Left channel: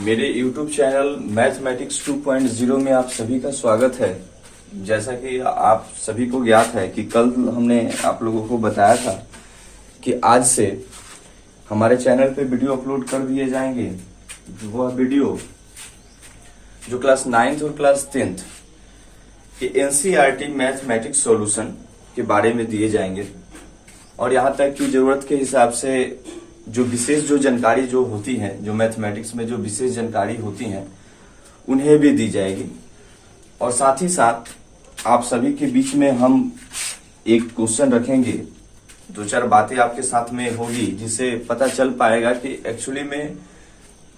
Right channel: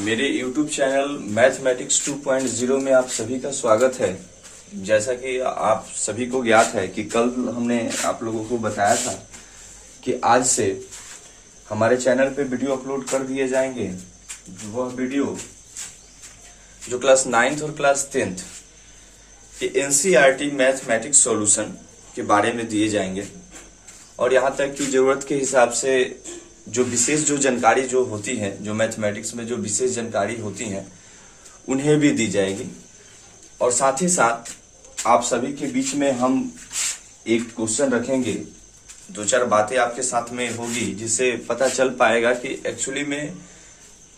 मेरे YouTube channel mathematics 2.0 में आप सभी का स्वागत है। जैसा कि आप सभी को ज्ञात है कि कल हमने आप लोगों को बताया था कि आज से हमारे चैनल पे वीडियो अपलोड कर दिए जाएंगे। वह वीडियो जो क्लास 9th और क्लास 10th के NCERT मैथमेटिक्स सॉल्यूशन के बारे में दिए जाएंगे और यहाँ तक कि जरूरत के हिसाब से जो विशेष जो जानकारी जो होती है, जो मैथमेटिक्स में जो विशेष जानकारी होती हैं उन्हें भी दी जाएगी। और साथ ही साथ आप सभी के बीच में हम एक क्वेश्चन रखेंगे, दो चार बातें आपके साथ में होगी जिससे पता चल पाएगा कि एक्चुअली में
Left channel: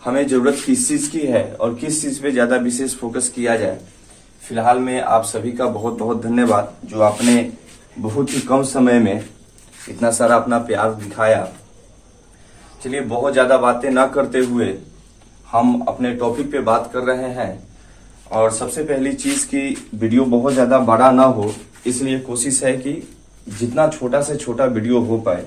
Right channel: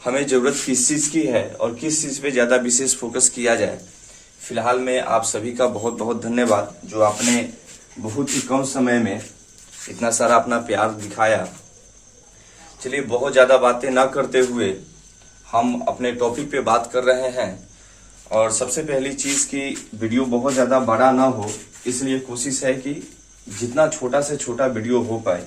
हमें जरूरत किस चीज की है और किस चीज पे ज्यादा विशेष फोकस किया जाए। फिलहाल में आप सभी का बहुत बहुत धन्यवाद जो आपने बहुत ही कम समय में इतना सारा अपना प्यार दिखाया। चलिए बहुत ज्यादा बातें ना करते हुए हम अपने टॉपिक पे बात कर रहे हैं। और सबसे पहली चीज की वीडियो बहुत ज्यादा बड़ा ना हो, इसलिए कोशिश है कि जितना छोटा से छोटा वीडियो हो पाए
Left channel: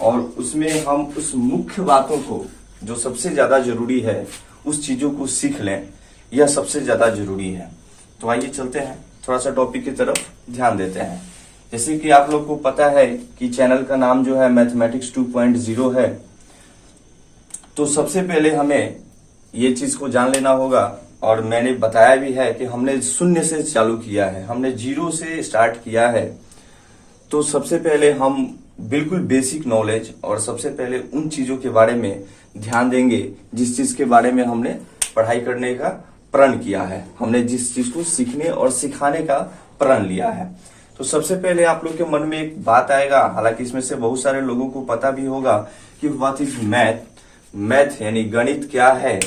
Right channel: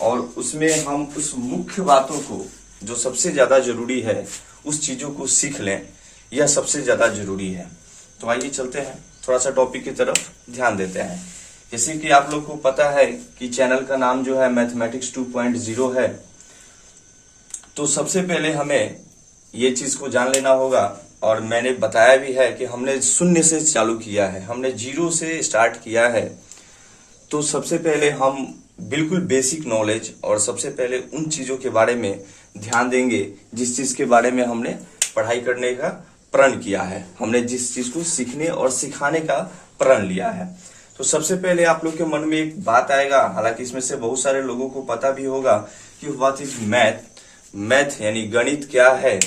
और उसमें हम उस मुख्य बातों को जो सबसे ज्यादा जरूरी है उस चीजों को सीख लें, यह सबसे ज्यादा जरूरी है। तो आइए चलते हैं, थोड़ा सा टॉपिक की तरफ ध्यान देते हैं। जैसे कि आप लोग को पता है कि चैनल का नाम जो है मैथमेटिक्स 2.0 है, तो सबसे पहले हमें ये चीज को जान लेना होगा और मैंने बताया भी है कि हमने शून्य से चालू किया है, हमने जीरो से स्टार्ट किया है। तो सबसे पहले हम बिल्कुल बेसिक नॉलेज और सबसे पहले उन चीजों के बारे में ध्यान देंगे जिस चीज के बारे में हमने पढ़ाई करने का प्रण किया है, हमने जिस चीज को सीखने और सिखाने का प्रण लिया है। तो सबसे पहले आप लोग के मन में एक बात आएगा, हालांकि इसमें से बहुत सारे लोगों को पता भी होगा कि व्हाट इज मैथ यानी गणित क्या है।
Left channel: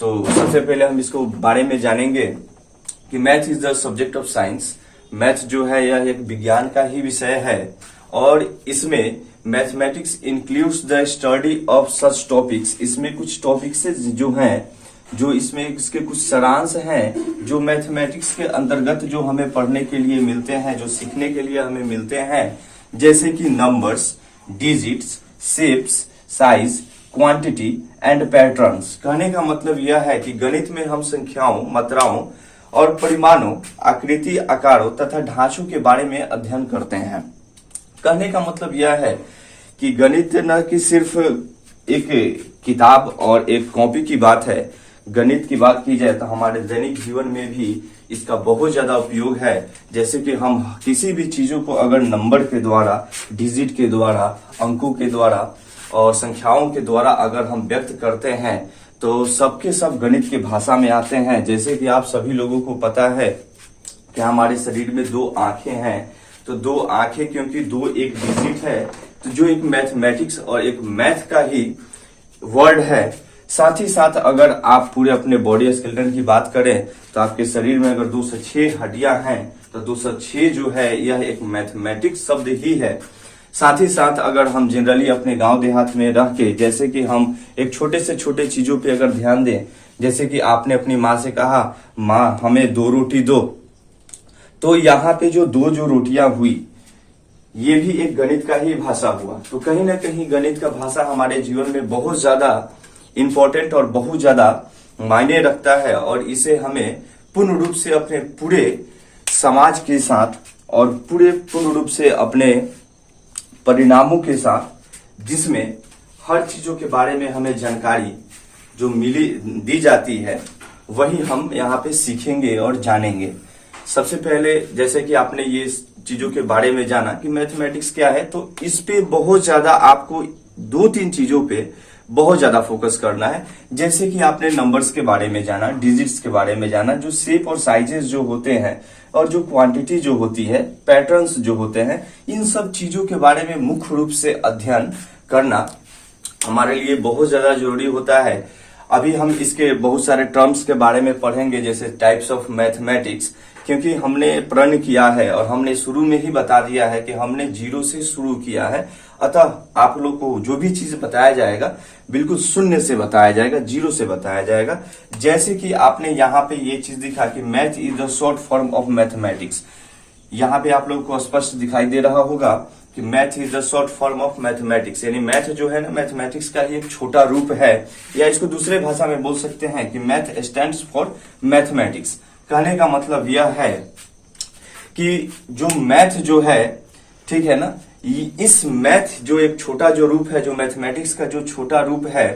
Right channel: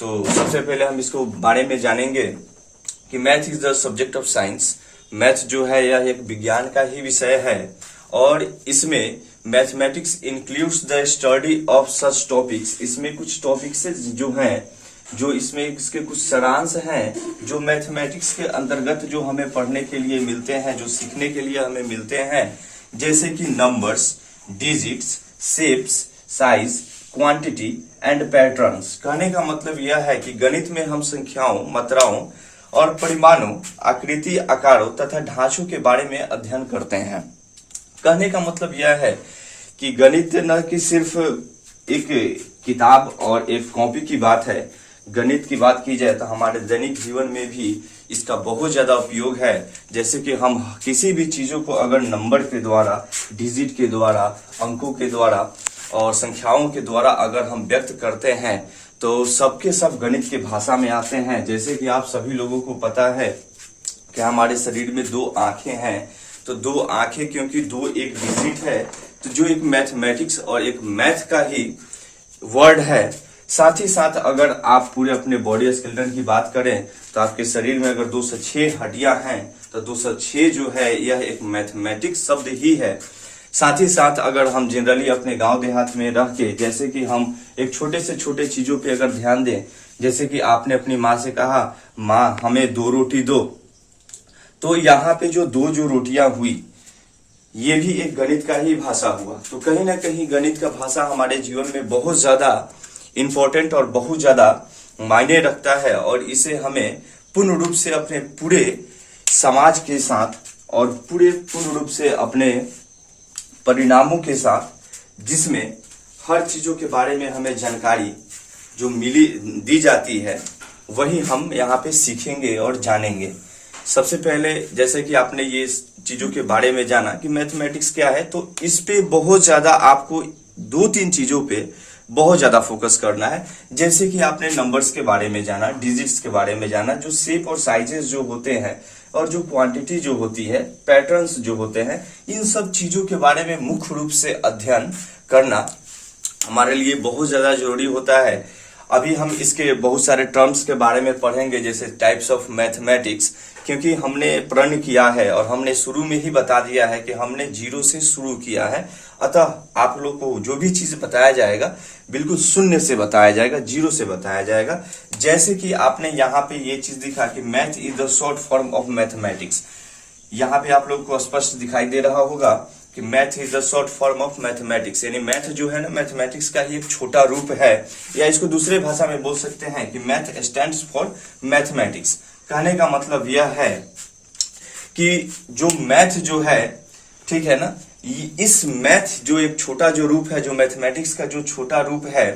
तो सबसे पहले हम इसको बारे में जानेंगे कि math is the subject of science. Math जो है यह एक विज्ञान का ही विषय है और इसमें mathematics includes the study of such topics. इसमें कुछ टॉपिक्स जो हैं, जो इसमें इसके कुछ सारांश हैं जो मैथमेटिक्स के अंतर्गत जो हमें पढ़ने के लिए मिलते हैं, जो सीखने के लिए हमें मिलते हैं, जैसे कि numbers, digits, shapes, size, quantity and patterns. कहने का मतलब यह है कि गणित में हम संख्याओं, मात्राओं और परिमाणों, आकृति, आकारों तथा ढांचों के बारे में अध्ययन करते हैं। कहने का मतलब यह है कि गणित न कि सिर्फ एक किताब और एक कॉपी की बात है। गणित की बात की जाए तो हमारे दैनिक जीवन में भी इसका बहुत ज्यादा उपयोग है। जैसे कि हम किसी भी चीजों को अगर नंबर के द्वारा, डिजिट के द्वारा, अंकों के द्वारा और संख्याओं के द्वारा अगर हम व्यक्त करते हैं तो सबके सब गणित की भाषा में आते हैं। जैसे कि आप सभी लोगों को पता है कि हमारे शरीर में दो आंखें हैं, तो दो आंखें क्योंकि दो एक डिजिट है, तो जो एक मैथमेटिक्स और एक मैथ का ही वर्ड है। साथ ही साथ अगर आप पूरे अपने बॉडी स्केलेटन की बात करें तो आपके शरीर में अगर 206 हड्डियां हैं तो 206 जो है यह एक मैथमेटिक्स शब्द ही है। साथ ही साथ अगर हम जनरली अपने गांव देहात में रह के, जैसे कि हम एक छोटे से छोटे चीजों पे अगर ध्यान दें, जैसे कि आपने अपनी माँ से कहा, माँ हमें 2 रोटी दो, तो यहाँ पे जो दो रोटियां हुई ये भी एक गणित का ही भाषा हुआ। तो कहीं ना कहीं गणित का भाषा हमारे जीवन में बहुत ज्यादा इंपॉर्टेंट और बहुत ज्यादा मायने रखता है और इसे हमें पूर्ण रूप से अपने पूरे समाज के साथ और पूर्ण रूप से अपने परिणामों के साथ, जिसमें हर चीजों के बारे में हमें जानकारी जो दी जाती है वही हम यहाँ पे सीखेंगे और जानेंगे। सबसे पहले जैसे कि आपने ये चीजों के बारे में जाना कि मैथमेटिक्स क्या है, तो इस पे बहुत ज्यादा आपको 2-3 चीजों पे बहुत ज्यादा फोकस करना है। जैसे कि आपने नंबर्स के बारे में जाना, डिजिट्स के बारे में जाना, जो शेप और साइजेस जो होते हैं और जो क्वांटिटी जो होती है, पैटर्न्स जो होते हैं, इन सब चीजों के बारे में मुख्य रूप से अध्ययन करना हमारे लिए बहुत ज्यादा जरूरी होता है। अभी हम इसके बहुत सारे टर्म्स के बारे में पढ़ेंगे, जैसे टाइप्स ऑफ मैथमेटिक्स, क्योंकि हमने प्रण किया है और हमने शुरू में ही बता दिया है कि हमने जीरो से शुरू किया है। अतः आप लोग को जो भी चीज बताया जाएगा बिल्कुल शून्य से बताया जाएगा, जीरो से बताया जाएगा। जैसे कि आपने यहाँ पे ये चीज दिखा कि math is the short form of mathematics. यहाँ पे आप लोग को स्पष्ट दिखाई दे रहा होगा कि math is the short form of mathematics, यानी मैथ जो है ना मैथमेटिक्स का ही एक छोटा रूप है, या इसको दूसरे भाषा में बोल सकते हैं कि मैथ स्टैंड्स फॉर मैथमेटिक्स। कहने का मतलब यह है कि जो मैथ जो है, ठीक है ना, इस मैथ जो एक छोटा जो रूप है, जो मैथमेटिक्स का जो छोटा रूप है,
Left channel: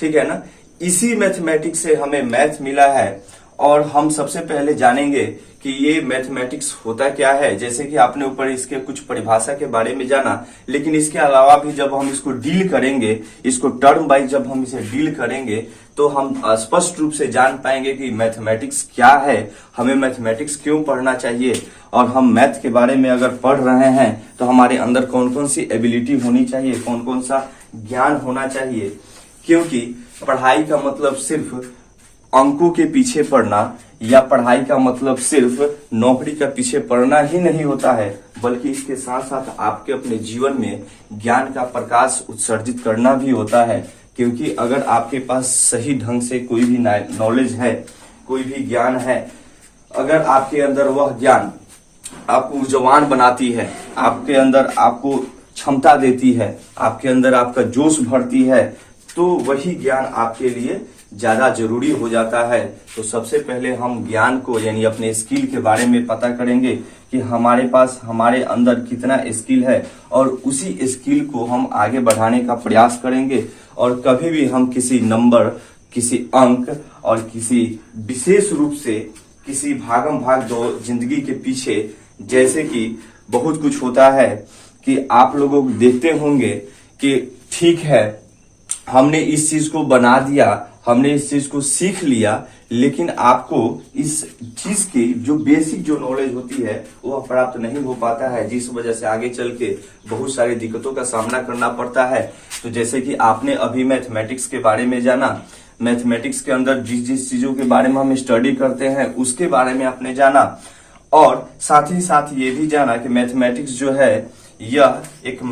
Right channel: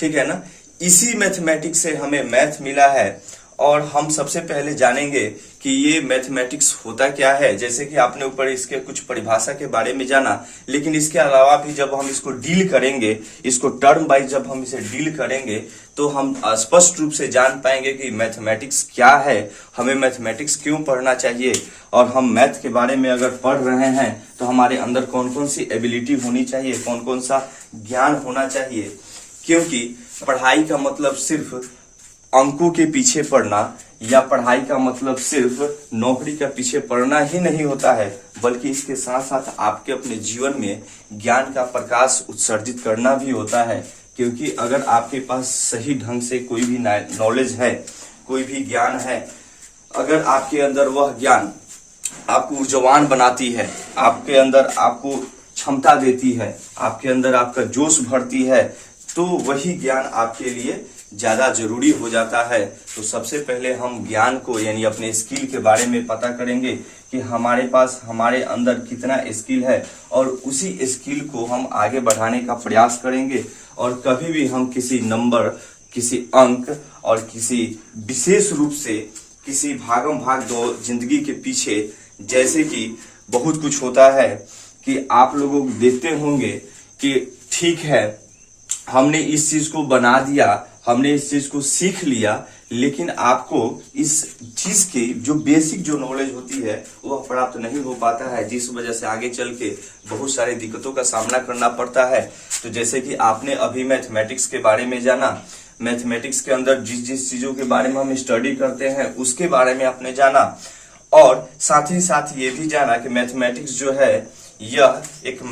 ठीक है ना, इसी मैथमेटिक्स से हमें मैथ मिला है। और हम सबसे पहले जानेंगे कि ये मैथमेटिक्स होता क्या है। जैसे कि आपने ऊपर इसके कुछ परिभाषा के बारे में जाना, लेकिन इसके अलावा भी जब हम इसको डील करेंगे, इसको टर्म वाइज जब हम इसे डील करेंगे, तो हम स्पष्ट रूप से जान पाएंगे कि मैथमेटिक्स क्या है, हमें मैथमेटिक्स क्यों पढ़ना चाहिए, और हम मैथ के बारे में अगर पढ़ रहे हैं तो हमारे अंदर कौन कौन सी एबिलिटी होनी चाहिए, कौन कौन सा ज्ञान होना चाहिए। क्योंकि पढ़ाई का मतलब सिर्फ अंकों के पीछे पढ़ना, या पढ़ाई का मतलब सिर्फ नौकरी के पीछे पढ़ना ही नहीं होता है, बल्कि इसके साथ साथ आपके अपने जीवन में ज्ञान का प्रकाश उत्सर्जित करना भी होता है। क्योंकि अगर आपके पास सही ढंग से कोई भी नॉलेज है, कोई भी ज्ञान है, अगर आपके अंदर वह ज्ञान आपको ऊर्जावान बनाती है, आपके अंदर आपको क्षमता देती है, आपके अंदर आपका जोश भरती है, तो वही ज्ञान आपके लिए ज्यादा जरूरी हो जाता है। तो सबसे पहले हम ज्ञान को यानी अपने स्किल के बारे में पता करेंगे कि हमारे पास हमारे अंदर कितना स्किल है, और उसी स्किल को हम आगे बढ़ाने का प्रयास करेंगे। और कभी भी हम किसी नंबर, किसी अंक और किसी विशेष रूप से किसी भागम भाग दो जिंदगी के पीछे, जैसे कि बहुत कुछ होता है कि आप लोगों देखते होंगे कि ठीक है हमने इस चीज को बना दिया, हमने इस चीज को सीख लिया, लेकिन आपको इस चीज की जो बेसिक जो नॉलेज होती है वो प्राप्त नहीं हो पाता है, जिस वजह से आगे चल के बहुत सारी दिक्कतों का सामना करना पड़ता है। तो जैसे कि आपने अभी मैथमेटिक्स के बारे में जाना, मैथमेटिक्स के अंदर जिस जिस चीजों के बारे में हम स्टडी करते हैं उसके बारे में आपने जाना, और साथ ही साथ ये भी जाना कि मैथमेटिक्स जो है यह एक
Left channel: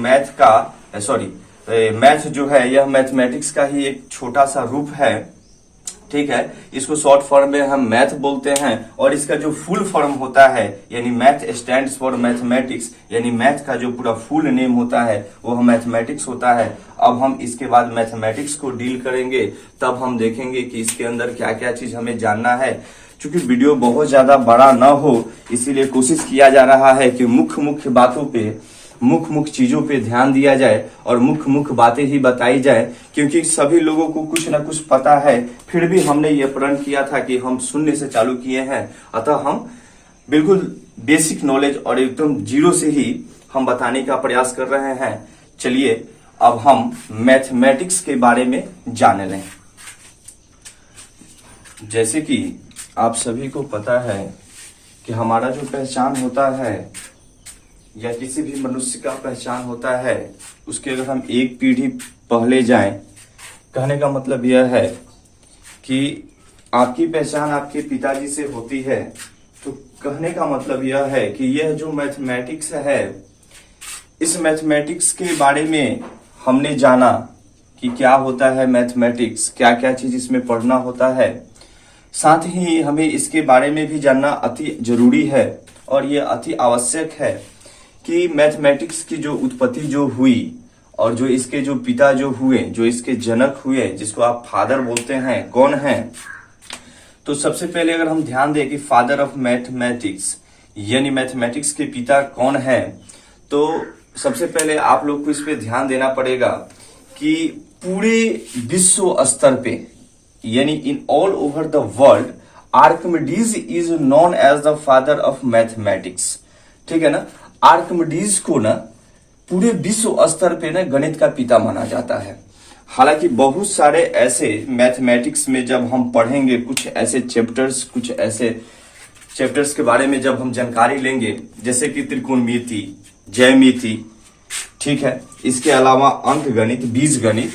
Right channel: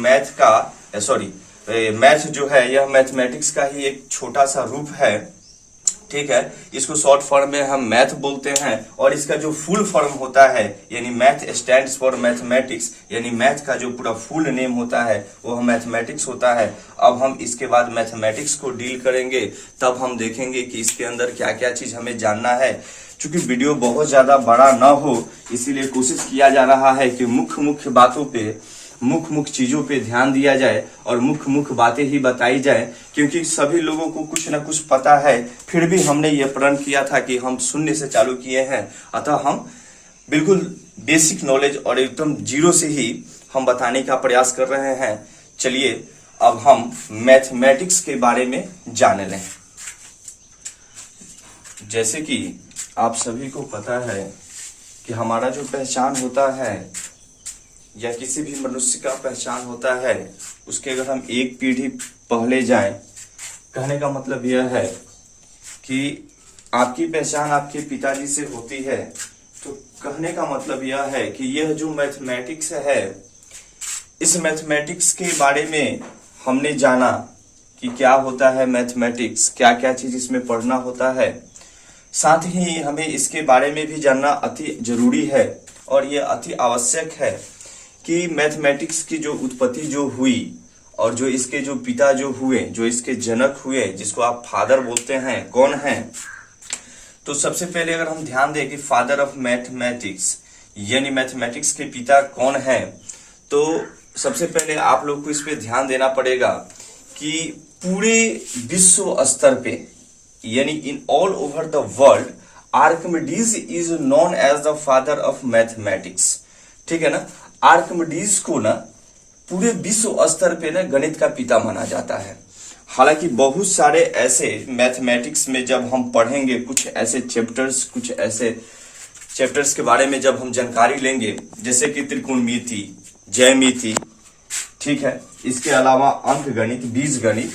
मैथ जो है यह मैथमेटिक्स का ही एक छोटा सा रूप है, ठीक है। इसको शॉर्ट फॉर्म में हम मैथ बोलते हैं, और इसका जो फुल फॉर्म होता है यानी मैथ स्टैंड्स फॉर मैथमेटिक्स, यानी मैथ का जो पूरा फुल नेम होता है वो मैथमेटिक्स होता है। अब हम इसके बाद मैथमेटिक्स को डील करेंगे, तब हम देखेंगे कि इसके अंदर क्या क्या चीज हमें जानना है। चूंकि वीडियो बहुत ज्यादा बड़ा ना हो, इसीलिए कोशिश किया जा रहा है कि मुख्य बातों पे, मुख्य चीजों पे ध्यान दिया जाए और मुख्य बातें ही बताई जाए, क्योंकि सभी लोगों को कुछ ना कुछ पता है। फिर भी हमने ये प्रण किया था कि हम शून्य से चालू किए हैं, अतः हम बिल्कुल बेसिक नॉलेज और एकदम जीरो से ही हम बताने का प्रयास कर रहे हैं। चलिए अब हम मैथमेटिक्स के बारे में जान लें। जैसे कि आप सभी को पता है कि हमारा जो पहचान होता है या किसी भी मनुष्य का पहचान होता है, उसके अगर हम एक पीढ़ी पहले जाएं, कहने का मतलब यह है कि आपकी पहचान आपके पिताजी से होती है, तो कहने का मतलब यह है कि यह जो मैथमेटिक्स है, इस मैथमेटिक्स के बारे में हमने जाना कि क्या होता है मैथमेटिक्स, क्या क्या चीज इसमें पढ़ना होता है। साथ ही हमें इसके बारे में भी जानना अति जरूरी है, और यह अति आवश्यक है कि मैथमेटिक्स की जो उत्पत्ति जो हुई और जो इसके जो पिता जो हुए, जो इसके जनक हुए, जिसको आप फादर बोलते हैं, कौन है। तो सबसे पहले अगर हम ध्यान दें कि फादर ऑफ मैथमेटिक्स यानी मैथमेटिक्स के पिता कौन है, तो सबसे पहले आप लोग को इस पे ध्यान देना पड़ेगा कि पूरे विश्व स्तर पे यानी in all over the world Archimedes is known as the father of mathematics, ठीक है ना। आर्किमिडीज को ना पूरे विश्व स्तर पे ना गणित का पिता माना जाता है। हालांकि बहुत सारे ऐसे मैथमेटिक्स में जब हम पढ़ेंगे, कुछ ऐसे चैप्टर्स के बारे में जब हम जानकारी लेंगे, जैसे कि त्रिकोणमिति, ज्यामिति, ठीक है, इसके अलावा अंक गणित, बीज गणित,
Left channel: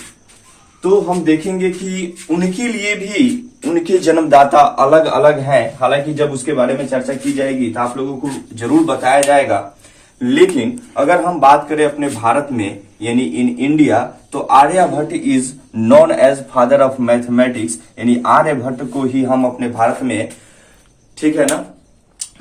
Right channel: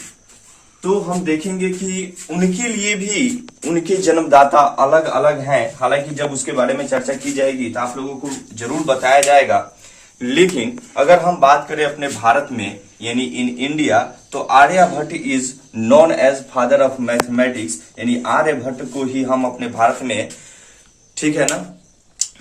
तो हम देखेंगे कि उनके लिए भी उनके जन्मदाता अलग अलग हैं। हालांकि जब उसके बारे में चर्चा की जाएगी तो आप लोगों को जरूर बताया जाएगा। लेकिन अगर हम बात करें अपने भारत में यानी इन इंडिया, तो Aryabhata is known as father of mathematics, यानी आर्यभट्ट को ही हम अपने भारत में, ठीक है ना,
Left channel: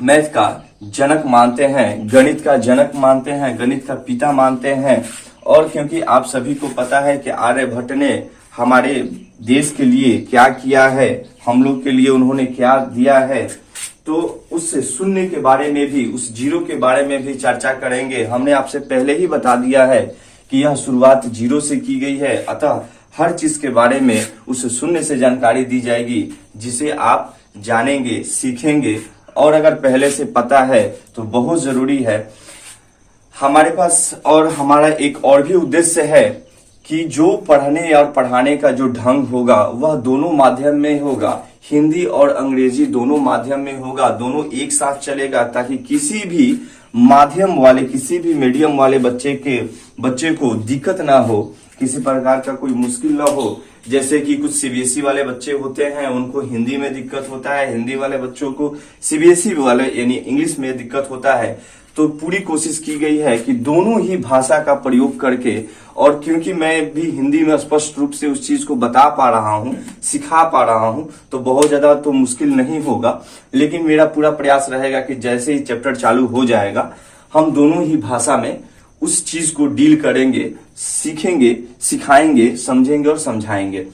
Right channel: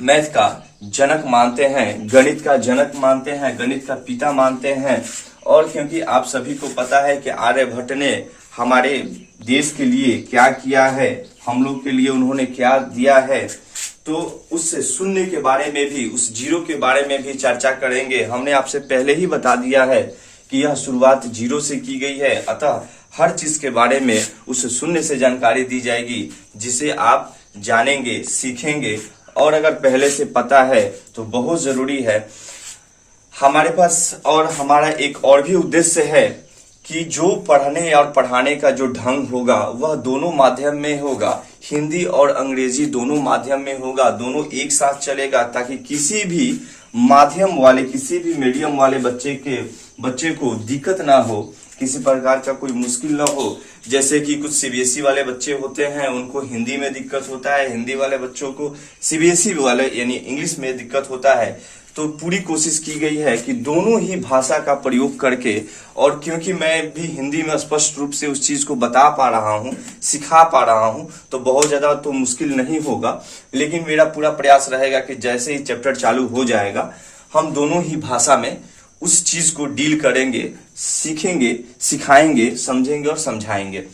मैथ का जनक मानते हैं, गणित का जनक मानते हैं, गणित का पिता मानते हैं। और क्योंकि आप सभी को पता है कि आर्यभट्ट ने हमारे देश के लिए क्या किया है, हम लोग के लिए उन्होंने क्या दिया है, तो उस शून्य के बारे में भी, उस जीरो के बारे में भी चर्चा करेंगे। हमने आपसे पहले ही बता दिया है कि यह शुरुआत जीरो से की गई है, अतः हर चीज के बारे में उस शून्य से जानकारी दी जाएगी, जिसे आप जानेंगे, सीखेंगे। और अगर पहले से पता है तो बहुत जरूरी है। हमारे पास और हमारा एक और भी उद्देश्य है कि जो पढ़ने और पढ़ाने का जो ढंग होगा वह दोनों माध्यम में होगा, हिंदी और अंग्रेजी दोनों माध्यम में होगा, दोनों एक साथ चलेगा, ताकि किसी भी माध्यम वाले, किसी भी मीडियम वाले बच्चे को दिक्कत ना हो, किसी प्रकार का कोई मुश्किल ना हो। जैसे कि कुछ सीबीएसई वाले बच्चे होते हैं, उनको हिंदी में दिक्कत होता है, हिंदी वाले बच्चों को सीबीएसई वाले यानी इंग्लिश में दिक्कत होता है। तो पूरी कोशिश की गई है कि दोनों ही भाषा का प्रयोग करके, और क्योंकि मैं भी हिंदी में स्पष्ट रूप से उस चीज को बता पा रहा हूँ, सिखा पा रहा हूँ, तो बहुत ज्यादा तो मुश्किल नहीं होगा। लेकिन मेरा पूरा प्रयास रहेगा कि जैसे ही चैप्टर चालू हो जाएगा, हम दोनों ही भाषा में उस चीज को डील करेंगे, सीखेंगे, सिखाएंगे, समझेंगे और समझाएंगे।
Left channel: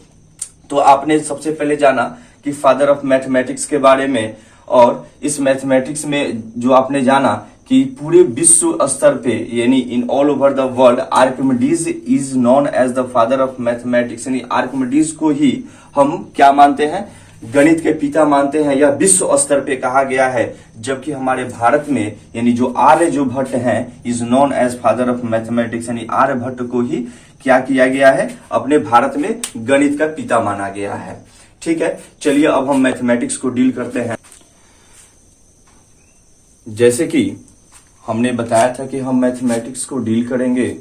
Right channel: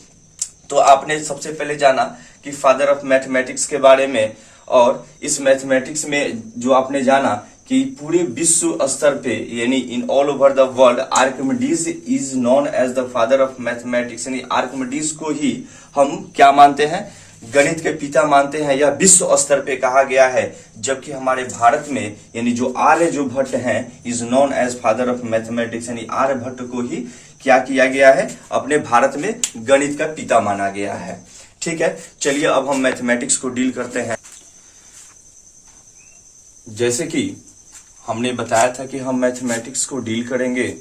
तो आपने सबसे पहले जाना कि फादर ऑफ मैथमेटिक्स के बारे में, और इस मैथमेटिक्स में जो आपने जाना कि पूरे विश्व स्तर पे यानी in all over the world Archimedes is known as the father of mathematics, यानी आर्किमिडीज को ही हम क्या मानते हैं, गणित के पिता मानते हैं। यह विश्व स्तर पे कहा गया है, जबकि हमारे भारत में यानी जो आर्यभट्ट हैं is known as father of mathematics, यानी आर्यभट्ट को ही क्या किया गया है, अपने भारत में गणित का पिता माना गया है। ठीक है, चलिए अब हम मैथमेटिक्स को डील करते हैं। जैसे कि हमने बताया था कि हम मैथमेटिक्स को डील करेंगे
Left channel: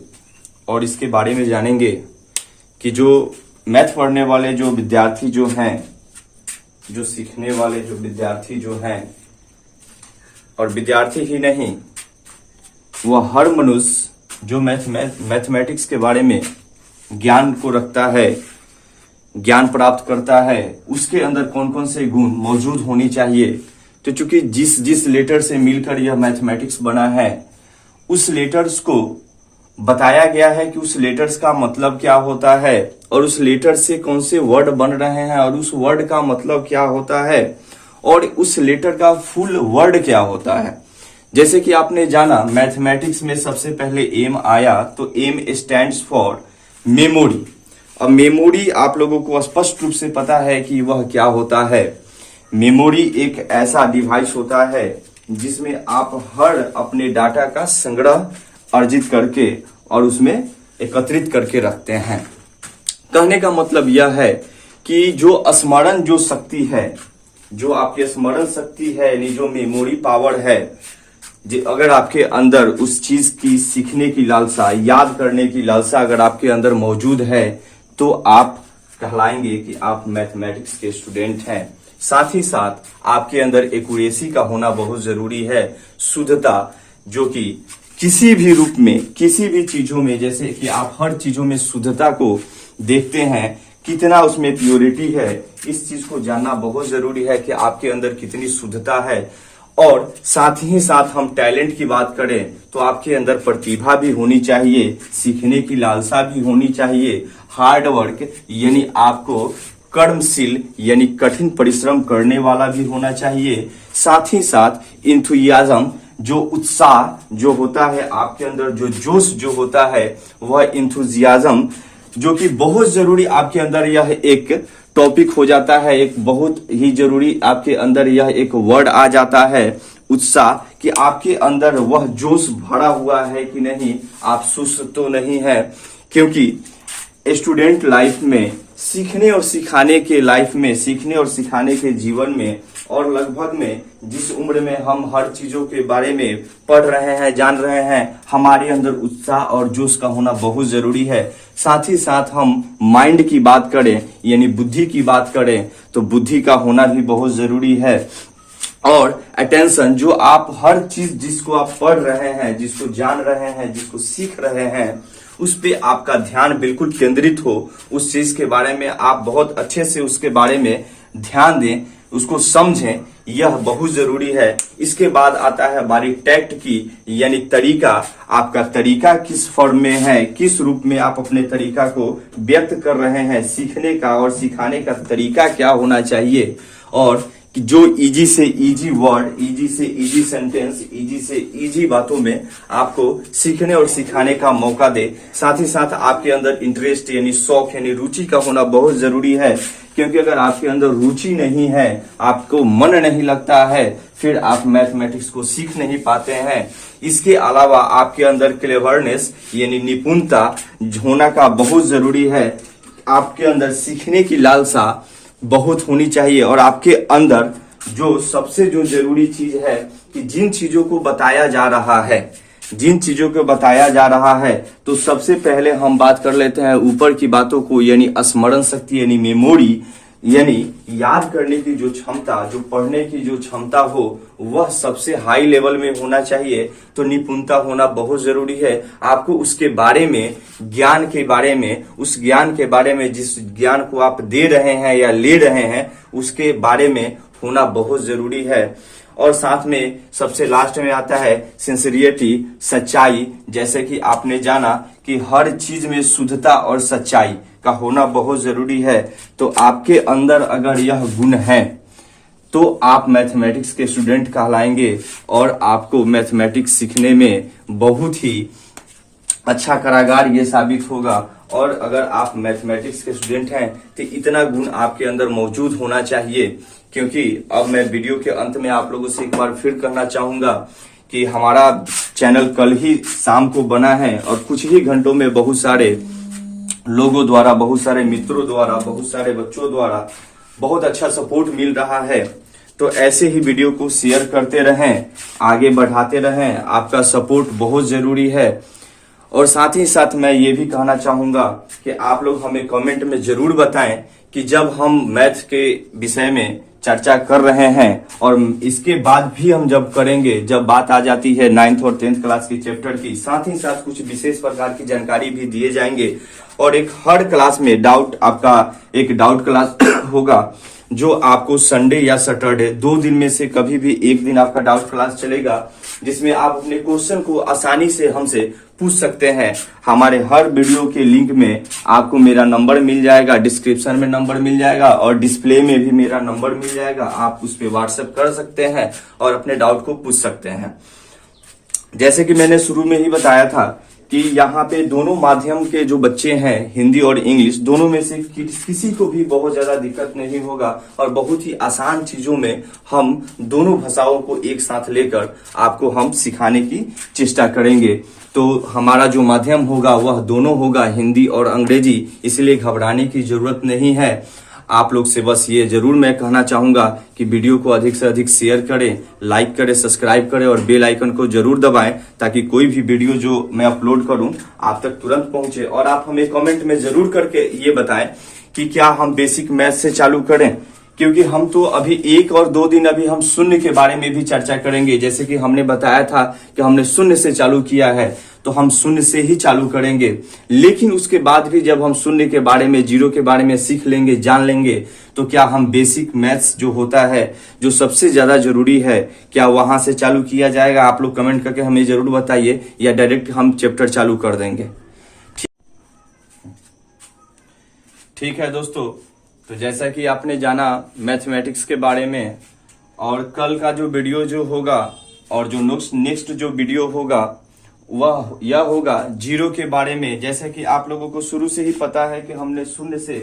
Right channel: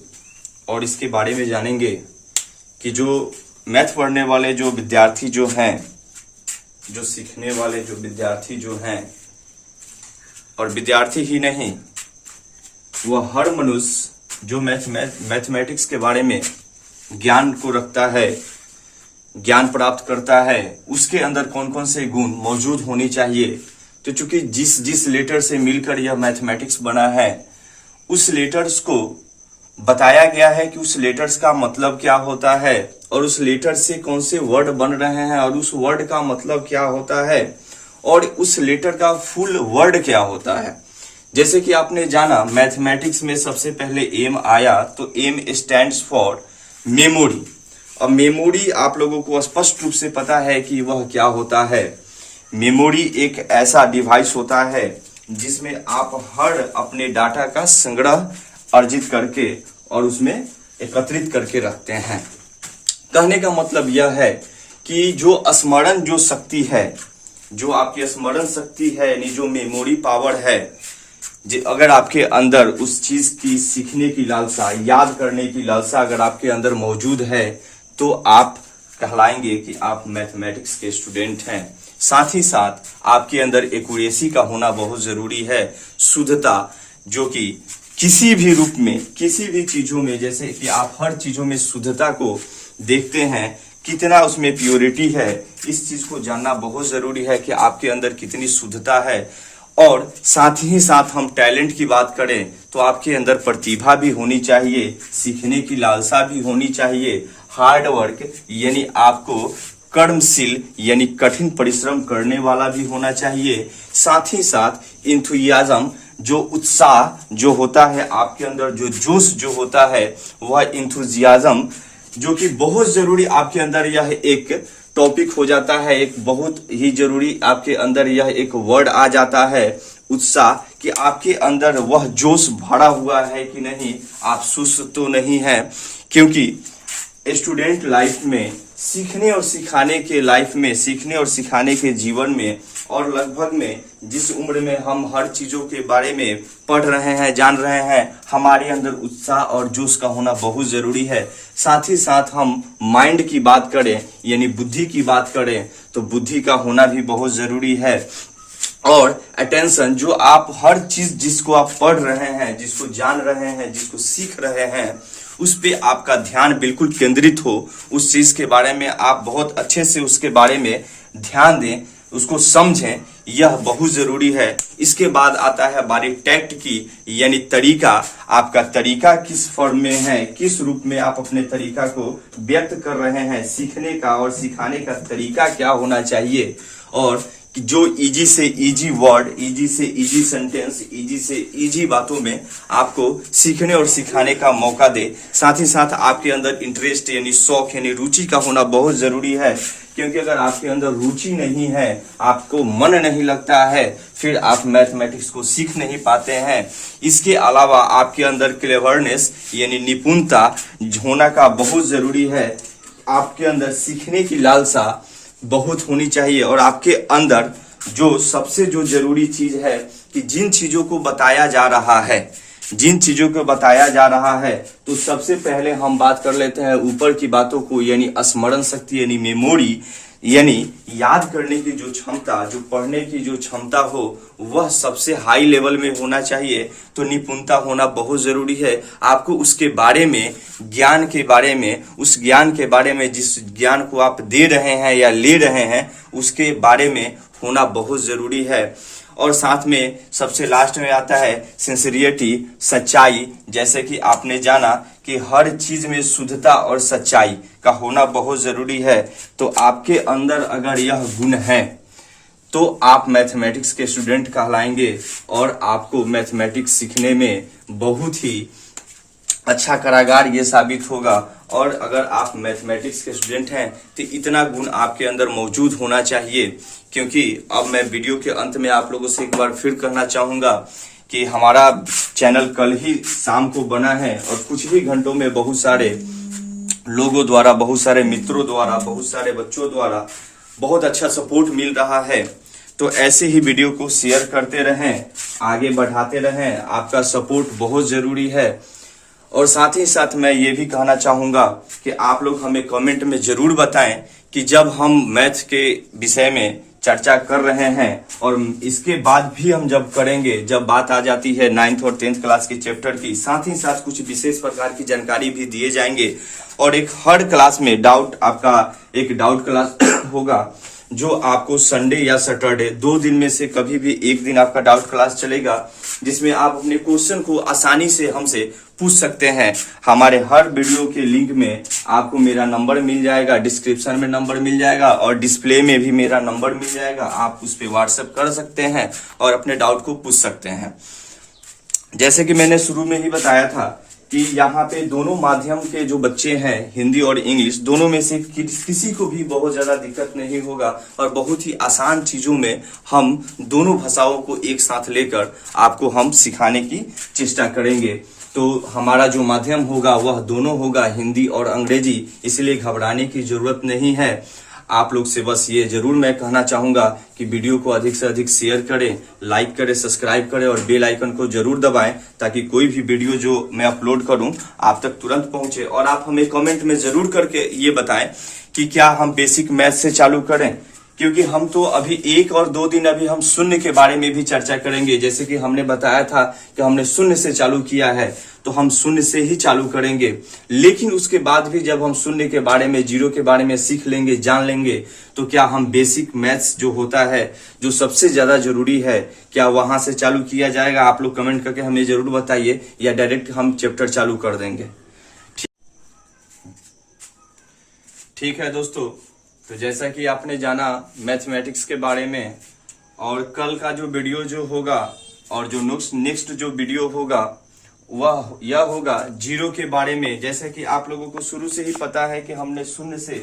और इसके बारे में जानेंगे कि जो मैथ पढ़ने वाले जो विद्यार्थी जो हैं, जो सीखने वाले जो विद्यार्थी जो हैं, और विद्यार्थी ही नहीं, वह हर मनुष्य जो मैथमेटिक्स के बारे में ज्ञान को रखता है, ज्ञान प्राप्त करता है, उसके अंदर कौन कौन से गुण मौजूद होनी चाहिए। तो चूंकि जिस लेटर से मिलकर यह मैथमेटिक्स बना है, उस लेटर्स को बताया गया है कि उस लेटर्स का मतलब क्या होता है, और उस लेटर से कौन से वर्ड बन रहे हैं, और उस वर्ड का मतलब क्या होता है, और उस लेटर का फुल वर्ड क्या होता है। जैसे कि आपने जाना मैथमेटिक्स में सबसे पहले एम आया, तो एम स्टैंड्स फॉर मेमोरी। और मेमोरी आप लोगों को स्पष्ट रूप से पता है कि वह क्या होता है। मेमोरी एक ऐसा डिवाइस होता है जिसमें आप हर अपने डाटा का संग्रह अर्जित करके और उसमें एकत्रित करके रखते हैं। कहने का मतलब यह है कि जो स्मरण जो शक्ति है, जो आपकी स्मरण शक्ति है, यानी जो मेमोरी पावर है, अगर आपके अंदर उस चीज की सीखने की लालसा, याद करने की लालसा अगर आपके अंदर मौजूद है, तो आप कहलाएंगे कि आप मैथमेटिक्स के स्टूडेंट हैं। साथ ही साथ आपके अंदर एक्यूरेसी का होना बहुत जरूरी है, शुद्धता, जो कि किसी भी रूप में, किसी भी चीजों में, जैसे कि आप हर चीजों में शुद्धता को देखते हैं, कितना उसमें प्योरिटी है, इस चीज को जानना बहुत जरूरी है कि आपके अंदर कितनी शुद्धता है। और साथ ही साथ हम टैलेंट की बात करें तो आपके अंदर प्रतिभा भी होनी चाहिए, सीखने की लालसा भी होनी चाहिए, हार्ड वर्क यानी आपको कर्मशील यानी कठिन परिश्रम करने वाला भी होना चाहिए। साथ ही साथ इंथुजियाज्म, जो उत्साह जो होता है आपके अंदर, जो जोश जो होता है, वह इंथुजियाज्म, जो कि बहुत जरूरी आपके अंदर यह एक टॉपिक हो जाता है, एक बहुत ही जरूरी आपके अंदर यह एक वर्ड आ जाता है, उत्साह, कि आपके अंदर वह जोश भरा हुआ है कि नहीं, आप सुस्त तो नहीं है। क्योंकि स्टूडेंट लाइफ में, सीखने और सिखाने के लाइफ में, सीखने और सिखाने के जीवन में, और लगभग में जिस उम्र में हम हर चीजों के बारे में पढ़ रहे हैं, जान रहे हैं, हमारे अंदर उत्साह और जोश का होना बहुत जरूरी है। साथ ही साथ हम माइंड की बात करें यानी बुद्धि की बात करें तो बुद्धि का होना भी बहुत जरूरी है। और अटेंशन, जो आप हर चीज जिसको आप पढ़ रहे हैं, जिसको जान रहे हैं, जिसको सीख रहे हैं, उस पे आपका ध्यान बिल्कुल केंद्रित हो, उस चीज के बारे में आप बहुत अच्छे से उसके बारे में ध्यान दें, उसको समझें, यह बहुत जरूरी है। इसके बाद आता है बारी टैक्ट की, यानी तरीका। आपका तरीका किस फॉर्म में है, किस रूप में आप अपने तरीका को व्यक्त कर रहे हैं, सीखने का और सिखाने का तरीका क्या होना चाहिए, और जो इजी से इजी वर्ड, इजी से इजी सेंटेंस, इजी से इजी बातों में आपको सीखने और सिखाने का मौका दे। साथ ही साथ आपके अंदर इंटरेस्ट यानी शौक यानी रुचि का होना बहुत जरूरी है, क्योंकि अगर आपके अंदर रुचि नहीं है, आपको मन नहीं लगता है, फिर आप मैथमेटिक्स को सीख नहीं पाते हैं। इसके अलावा आपके अंदर क्लेवरनेस यानी निपुणता होना का बहुत जरूरी है। आपके अंदर सीखने की लालसा बहुत होनी चाहिए, और आपके अंदर जो सबसे जो जरूरी चीज है कि जिन चीजों को बताया जा रहा है, जिन चीजों को बताया जा रहा है, तो सबसे पहले हम बात कर लेते हैं ऊपर की बातों को, यानी स्मरण शक्ति यानी मेमोरी, यानी याद करने की जो क्षमता, जो पढ़ने की जो क्षमता हो, वह सबसे हाई लेवल में होना चाहिए। तो निपुणता होना बहुत जरूरी है। आपको उसके बारे में, ज्ञान के बारे में, उस ज्ञान के बारे में, जिस ज्ञान को आप दे रहे हैं या ले रहे हैं, उसके बारे में होना बहुत जरूरी है। और साथ में सबसे लास्ट में आता है सिंसियरिटी, सच्चाई। जैसे कि आपने जाना कि हर चीज में शुद्धता और सच्चाई का होना बहुत जरूरी है। तो आपके अंदर अगर यह गुण है तो आप मैथमेटिक्स के स्टूडेंट कहलाएंगे, और आपको मैथमेटिक्स सीखने में बहुत ही अच्छा कारागार ये साबित होगा। और अगर आप मैथमेटिक्स के स्टूडेंट हैं तो इतना गुण आपके अंदर मौजूद होना चाहिए। क्योंकि अब मैं वीडियो के अंत में आप लोगों से एक बार फिर कहना चाहूंगा कि हमारा चैनल कल ही शाम को बना है, और कुछ ही घंटों में बहुत सारे लोगों द्वारा, बहुत सारे मित्रों द्वारा, बहुत सारे बच्चों द्वारा बहुत अच्छा सपोर्ट मिल रहा है। तो ऐसे ही वीडियो को शेयर करते रहें, आगे बढ़ाते रहें, आपका सपोर्ट बहुत जरूरी है। और साथ ही साथ मैं ये भी कहना चाहूंगा कि आप लोग हमें कमेंट में जरूर बताएं कि जब हम मैथ के विषय में चर्चा कर रहे हैं, और इसके बाद भी हम जब करेंगे, जब बात आ जाती है 9th और 10th क्लास की चैप्टर की, साथ ही साथ कुछ विशेष प्रकार की जानकारी भी दिए जाएंगे। और एक हर क्लास में डाउट, आपका एक डाउट क्लास होगा, जो आपको संडे या सैटरडे 2 दिन में से कभी भी एक दिन आपका डाउट क्लास चलेगा, जिसमें आप अपने क्वेश्चन को आसानी से हमसे पूछ सकते हैं। हमारे हर वीडियो के लिंक में आपको मेरा नंबर मिल जाएगा, डिस्क्रिप्शन में नंबर मिल जाएगा, और डिस्प्ले में भी मेरा नंबर मिल जाएगा। आप उस पर व्हाट्सएप कर सकते हैं और अपने डाउट को पूछ सकते हैं। जैसे कि मैंने शुरू में ही बताया था कि यहाँ पे दोनों माध्यम के जो बच्चे हैं, हिंदी और इंग्लिश, दोनों में से किसी को भी बहुत ज्यादा दिक्कत नहीं होगा, और बहुत ही आसान चीजों में हम दोनों भाषाओं को एक साथ लेकर आपको हम सिखाने की चेष्टा करेंगे। तो हमारा जो माध्यम होगा वह दोनों होगा, हिंदी और अंग्रेजी, इसलिए घबराने की जरूरत नहीं है। आप लोग से बस ये जरूर मैं कहना चाहूंगा कि वीडियो को अधिक से अधिक शेयर करें, लाइक करें, सब्सक्राइब करें, और बेल आइकन को जरूर दबाएं, ताकि कोई भी वीडियो जो मैं अपलोड करूं आप तक तुरंत पहुंचे। और आप हमें कमेंट में जरूर करके ये बताएं कि क्या हम बेसिक मैथ से चालू करें, क्योंकि हम तो अभी 1 और 2 दिन अभी हम शून्य के बारे में भी चर्चा करेंगे। जैसे कि हमने बताया था कि हमने शून्य से चालू किया है, तो हम शून्य से ही चालू करेंगे। लेकिन उसके बाद भी जब हम शून्य के बारे में, जीरो के बारे में सीख लेंगे, जान लेंगे, तो क्या हम बेसिक मैथ्स जो होता है, जो सबसे ज्यादा जरूरी है, क्या वहां से चालू किया जाएगा? आप लोग कमेंट करके हमें जरूर बताइए, या डायरेक्ट हम चैप्टर चालू कर देंगे। ठीक है दोस्तों, तो जैसा कि आपने जाना मैथमेटिक्स के बारे में, और कल का जो वीडियो जो होगा, और जो नेक्स्ट जो वीडियो होगा वह यह होगा जीरो के बारे में। जैसे कि आप लोगों को शुरू से ही पता है कि हमने शून्य से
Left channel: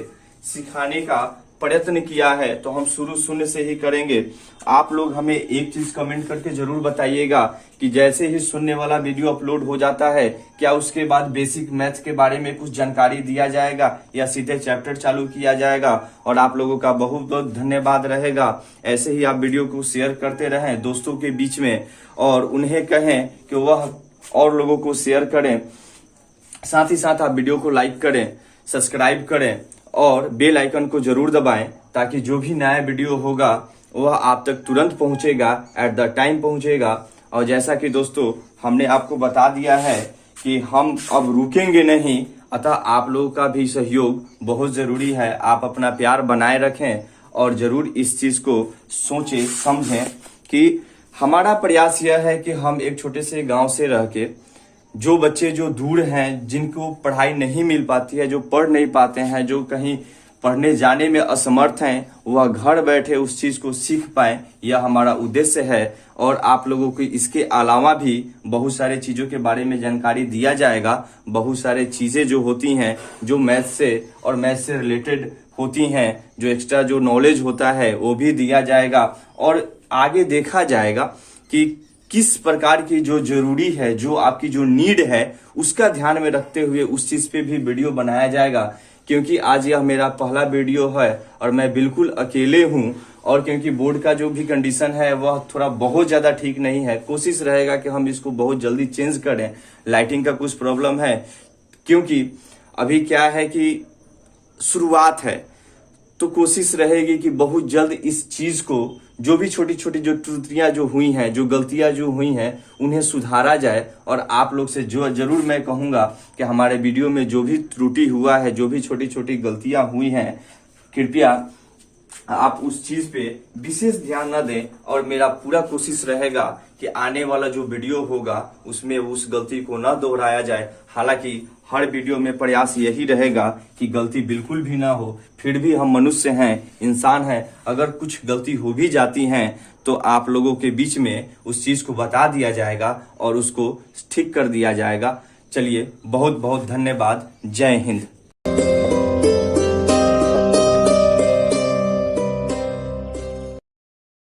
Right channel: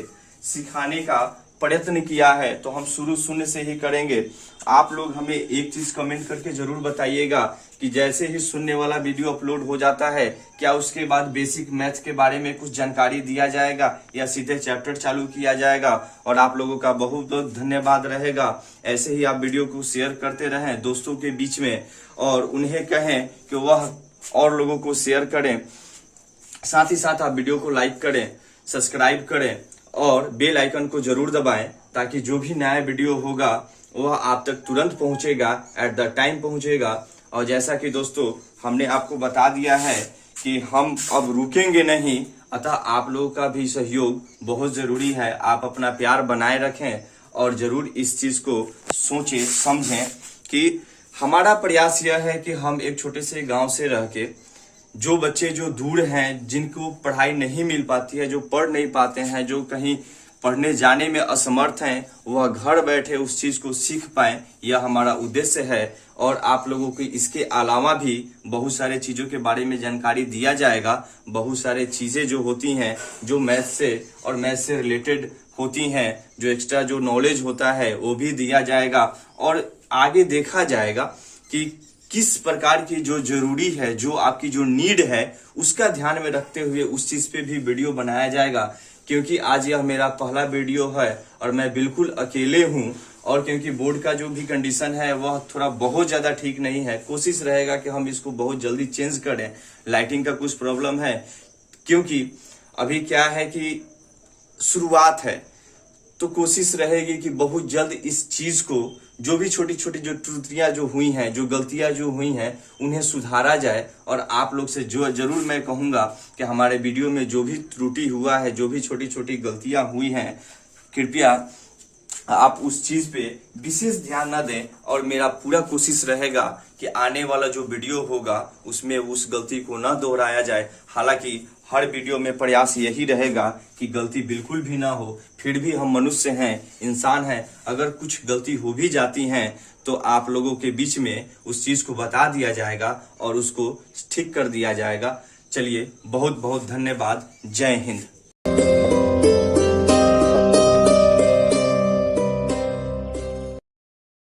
सिखाने का प्रयत्न किया है, तो हम शुरू शून्य से ही करेंगे। आप लोग हमें एक चीज कमेंट करके जरूर बताइएगा कि जैसे ही शून्य वाला वीडियो अपलोड हो जाता है, क्या उसके बाद बेसिक मैथ्स के बारे में कुछ जानकारी दिया जाएगा, या सीधे चैप्टर चालू किया जाएगा? और आप लोगों का बहुत बहुत धन्यवाद रहेगा। ऐसे ही आप वीडियो को शेयर करते रहें दोस्तों के बीच में, और उन्हें कहें कि वह और लोगों को शेयर करें। साथ ही साथ आप वीडियो को लाइक करें, सब्सक्राइब करें, और बेल आइकन को जरूर दबाएं, ताकि जो भी नया वीडियो होगा वह आप तक तुरंत पहुंचेगा, एट द टाइम पहुंचेगा। और जैसा कि दोस्तों हमने आपको बता दिया है कि हम अब रुकेंगे नहीं, अतः आप लोगों का भी सहयोग बहुत जरूरी है। आप अपना प्यार बनाए रखें, और जरूर इस चीज को सोचें समझें कि हमारा प्रयास यह है कि हम एक छोटे से गांव से रह के जो बच्चे जो दूर हैं, जिनको पढ़ाई नहीं मिल पाती है, जो पढ़ नहीं पाते हैं, जो कहीं पढ़ने जाने में असमर्थ हैं, वह घर बैठे उस चीज को सीख पाए, यह हमारा उद्देश्य है। और आप लोगों को इसके अलावा भी बहुत सारे चीजों के बारे में जानकारी दिया जाएगा। बहुत सारे चीजें जो होती हैं, जो मैथ से और मैथ से रिलेटेड होती हैं, जो एक्स्ट्रा जो नॉलेज होता है वो भी दिया जाएगा। और आगे देखा जाएगा कि किस प्रकार की जो जरूरी है, जो आपकी जो नीड है, उसका ध्यान में रखते हुए उस चीज पे भी वीडियो बनाया जाएगा। क्योंकि आज यह मेरा पहला वीडियो है और मैं बिल्कुल अकेले हूं, और क्योंकि बोर्ड का जो भी कंडीशन है वह थोड़ा बहुत ज्यादा ठीक नहीं है। कोशिश रहेगा कि हम इसको बहुत जल्दी चेंज करें। लाइटिंग का कुछ प्रॉब्लम है, क्योंकि अभी क्या है कि शुरुआत है, तो कोशिश रहेगी कि बहुत जल्द इस चीज को, जो भी छोटी छोटी जो त्रुटियां जो हुई हैं, जो गलतियां जो हुई हैं, उन्हें सुधारा जाए। और आप लोग से जो जरूर मैं कहूंगा कि हमारे वीडियो में जो भी त्रुटि हुआ है, जो भी छोटी छोटी गलतियां हुई हैं, कृपया आप उस चीज पे विशेष ध्यान न दें। और मेरा पूरा कोशिश रहेगा कि आने वाला जो वीडियो होगा उसमें उस गलती को न दोहराया जाए। हालांकि हर वीडियो में प्रयास यही रहेगा कि गलती बिल्कुल भी ना हो। फिर भी हम मनुष्य हैं, इंसान हैं, अगर कुछ गलती हो भी जाती हैं तो आप लोगों के बीच में उस चीज को बता दिया जाएगा और उसको ठीक कर दिया जाएगा। चलिए, बहुत बहुत धन्यवाद। जय हिंद।